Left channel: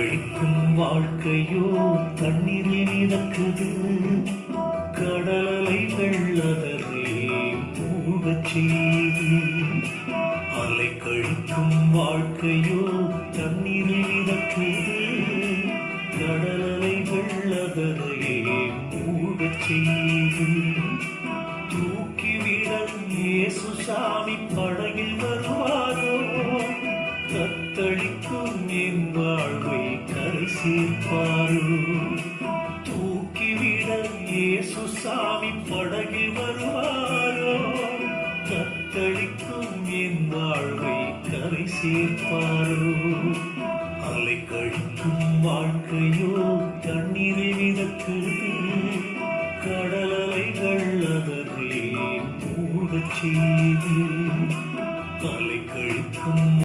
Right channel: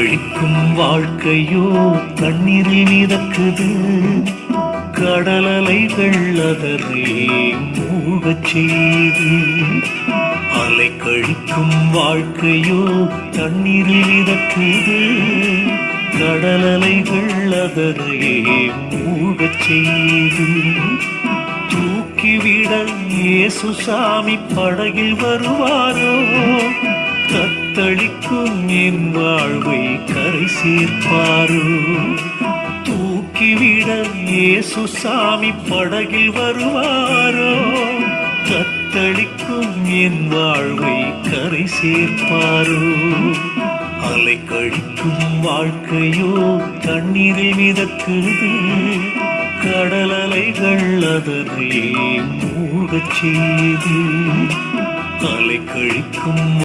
கழிக்கும் வாழ்க்கையோ தண்ணீரில் மிதக்குது. கடல் அலைகள் அதனை மூழ்கச் செய்து. அலை கழிக்கும் வாழ்க்கையோ தண்ணீரில் மிதக்குது. கடல் அலைகள் அதனை மூழ்கச் செய்து. தூக்கிவிட இயேசு சாமி படகில் வருவாரோ? தத்தளிக்கும் என் வாழ்வை கரை சேர்ப்பாரோ? தூக்கிவிட இயேசு சாமி படகில் வருவாரோ? தத்தளிக்கும் என் வாழ்வை கரை சேர்ப்பாரோ? அலை கழிக்கும் வாழ்க்கையோ தண்ணீரில் மிதக்குது. கடல் அலைகள் அதனை மூழ்கச் செய்து. அலை கழிக்கும்